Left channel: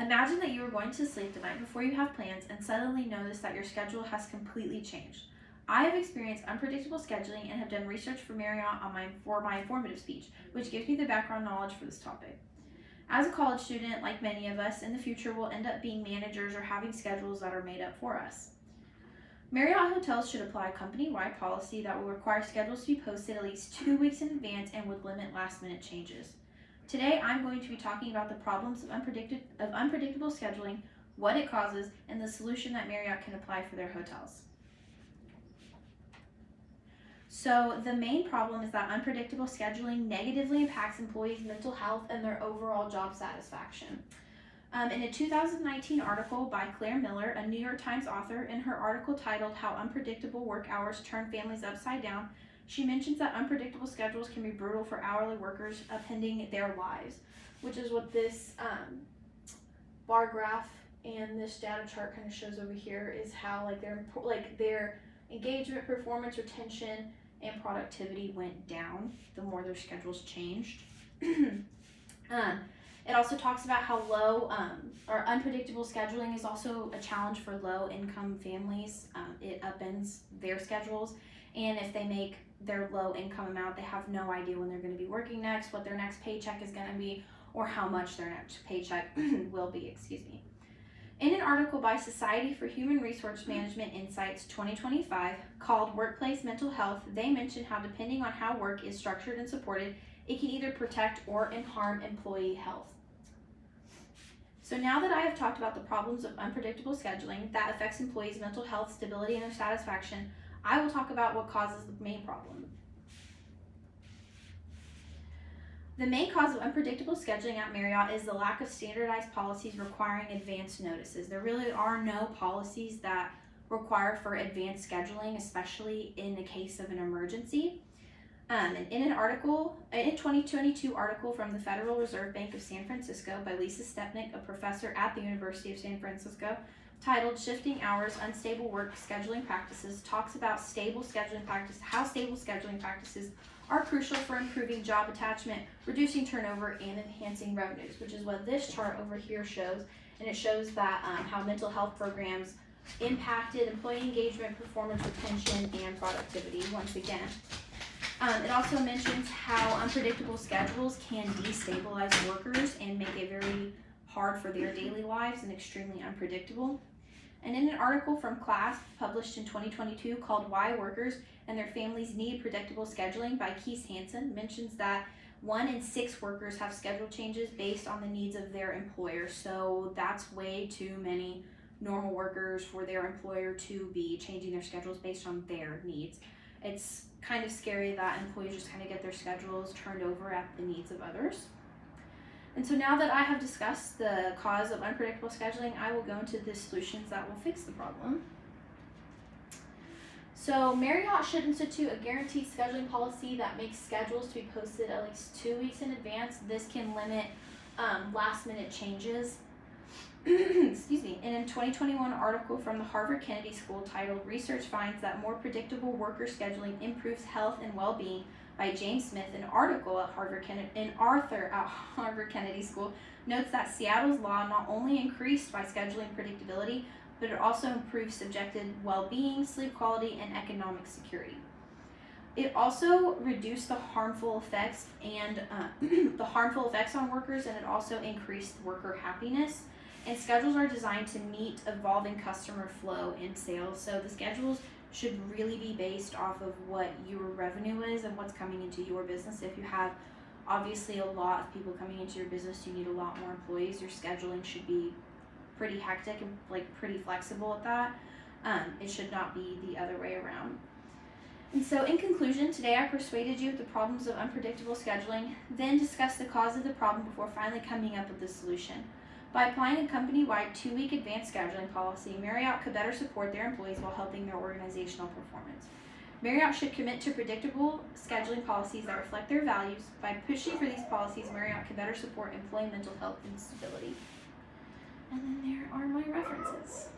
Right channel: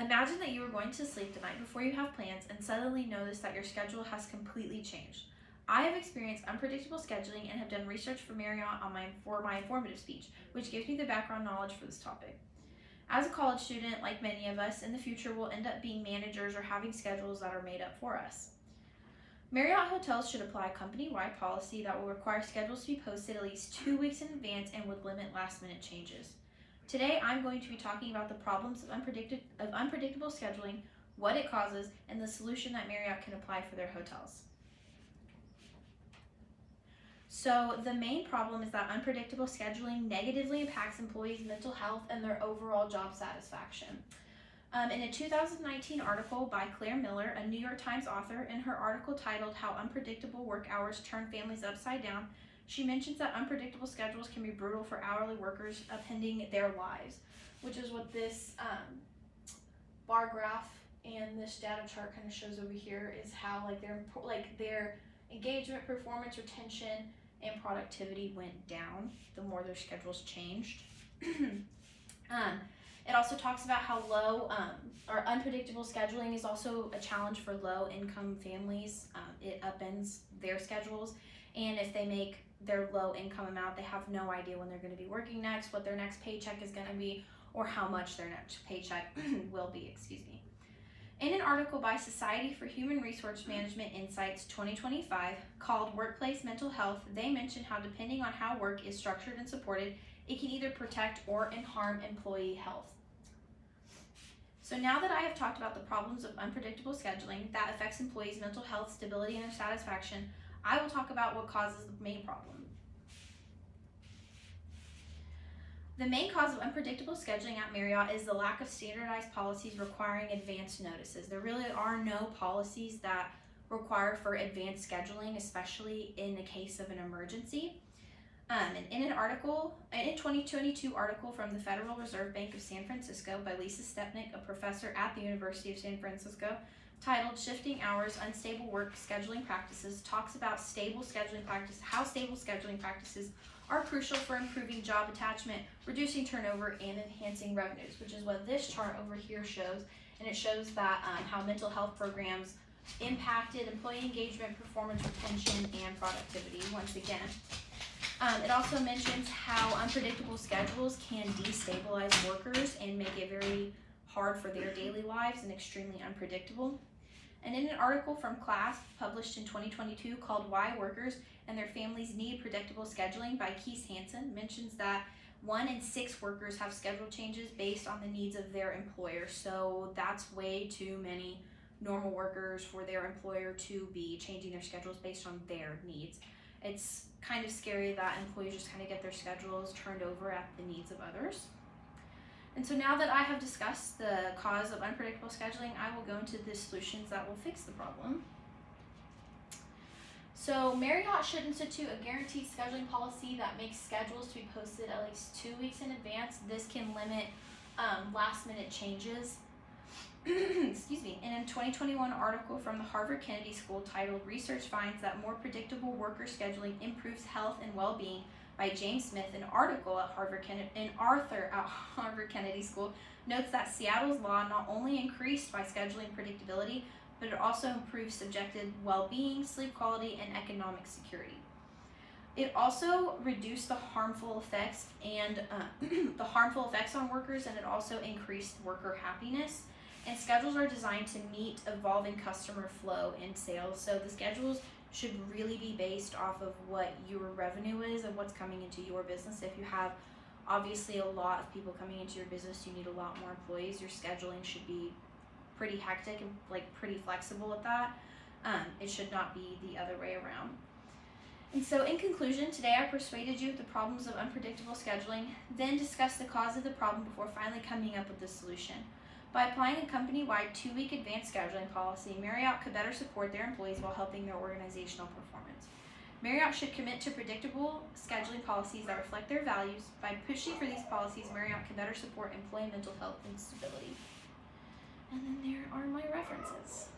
Imagine that you are going to sleep the night before you have plans and suddenly notice that your schedule has completely changed. I have experienced unpredictable scheduling and have done research for Marriott for my informative speech, which gives me the background knowledge for this topic. As a college student, like many of us, in the future will end up being managers or having schedules that are made up for us. Marriott hotels should apply a company-wide policy that will require schedules to be posted at least 2 weeks in advance and would limit last-minute changes. Today, I'm going to be talking about the problems of unpredictable scheduling, what it causes, and the solution that Marriott can apply for their hotels. So the main problem is that unpredictable scheduling negatively impacts employees' mental health and their overall job satisfaction. In a 2019 article by Claire Miller, a New York Times author, in her article titled "How Unpredictable Work Hours Turn Families Upside Down," she mentions that unpredictable schedules can be brutal for hourly workers upending their lives, which is what this bar graph and this data chart kind of shows over here, is how their engagement, performance, retention, and productivity went down the more their schedules changed. It also talks about how or unpredictable scheduling is also a challenge for low-income families. It upends their schedules, and if they make their low-income amount, they have no idea when they're going to be working next, what their next paycheck is going to be, or how much their next paycheck will be. In an article by Society for Human Resource Management Insights 2025 called "Workplace Mental Health," they mention how, depending on how work is structured and supported, it can either protect or harm employee health. So now that I have talked about the problems of unpredictable scheduling that affects employees' mental health, stability, and their satisfaction, I will talk about what causes the main problem. The main cause of unpredictable scheduling at Marriott is the lack of standardized policies requiring advance notices. There really are no policies that require for advanced scheduling, especially in the case of an emergency. And in a 2022 article from the Federal Reserve Bank of San Francisco by Lisa Stepnick, a professor at the University of San Francisco, titled "Shifting Hours, Unstable Work Scheduling Practices," talks about how stable scheduling practices are crucial for improving job attachment, reducing turnover, and enhancing revenues, which is what this chart over here shows. And it shows that how mental health programs impacted employee engagement, performance, retention, and productivity once again. It also mentions how unpredictable schedules can destabilize workers and make it very hard for their daily lives and extremely unpredictable. And in an article from Class published in 2022 called "Why Workers and Their Families Need Predictable Scheduling" by Keith Hansen, mentions that 1 in 6 workers have schedule changes based on the needs of their employer. So that's way too many normal workers for their employer to be changing their schedules based on their needs. It's kind of scary that employees just kind of get their schedules turned over at the needs of others. And so now that I have discussed the cause of unpredictable scheduling, I will go into the solutions that will fix the problem. So Marriott should institute a guaranteed scheduling policy that makes schedules to be posted at least 2 weeks in advance. This can limit last-minute changes. Excuse me. In a 2021 article from the Harvard Kennedy School titled "Research Finds That More Predictable Worker Scheduling Improves Health and Well-Being" by James Smith, an Arthur at Harvard Kennedy School notes that Seattle's law not only increased by scheduling predictability, but it also improves subjective well-being, sleep quality, and economic security. It also reduced the harmful effects on workers, and it also increased worker happiness. And schedules are designed to meet evolving customer flow and sales. So the schedules should really be based off of what your revenue is and what's coming into your business. If you have obviously a lot of people coming into your business, you need a lot more employees. Your scheduling should be pretty hectic and pretty flexible at that. It should not be the other way around. And so in conclusion, today I persuaded you of the problems of unpredictable scheduling, then discussed the cause of the problem before finally coming up with the solution. By applying a company-wide 2-week advance scheduling policy, Marriott could better support their employees while helping their organizational performance. Marriott should commit to predictable scheduling policies that reflect their values. By pushing for these policies, Marriott can better support employee mental health and stability. And then there are my references.